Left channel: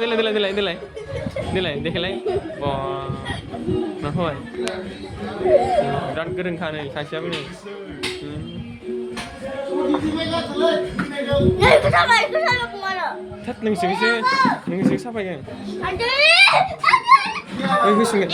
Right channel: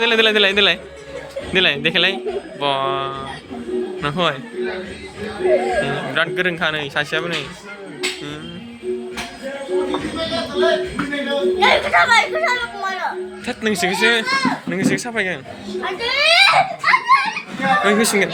देलाय देखायलाय बा नोंखौहाय बिराद गोरोंखा नै सासेयाबो नै थोद नोंसोरसो साफायगोन ओइ होसिगोन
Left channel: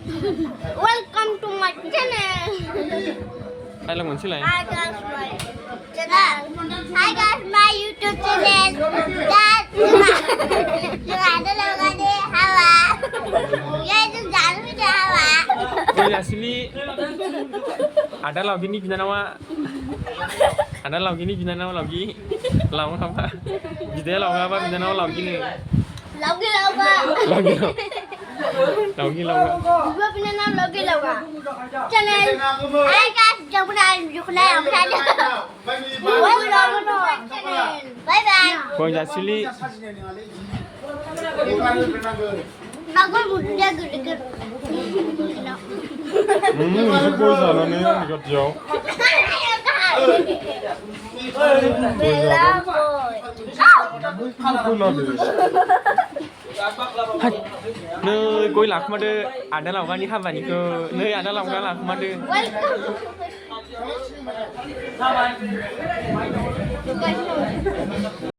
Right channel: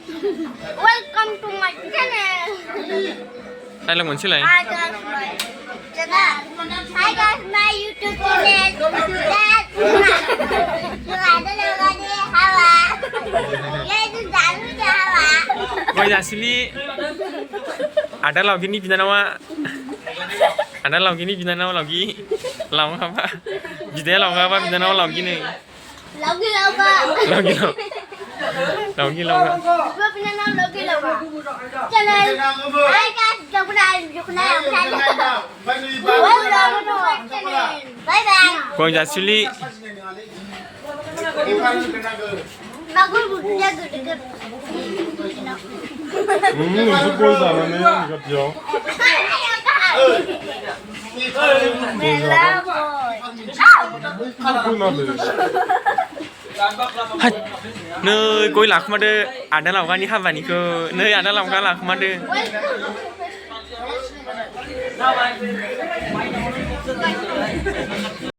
Welcome to my channel. Dialog moनसेलाय Hi guys, my YouTube channel. Dad, ada lagi hawa. Ya itu jalan hawa. गय जासिलि आदा लावगिनि बिनानावा आदा लावगिनि बिनानावा लावगि लावगाबा बिदाया लावगाबा बिनानावा लावगिनो Lagi लावगा Dua penyanyi lagi channel. Hai guys, jangan lupa Bye bye. गय जासिलि Bagus butuhnya gede-gede. 무슨 꼴 잘하네 이거죠. नै गय लाखुमादो आदा लावगानि हाबानिखौ नै आदा लावगा लाखुमादो Welcome.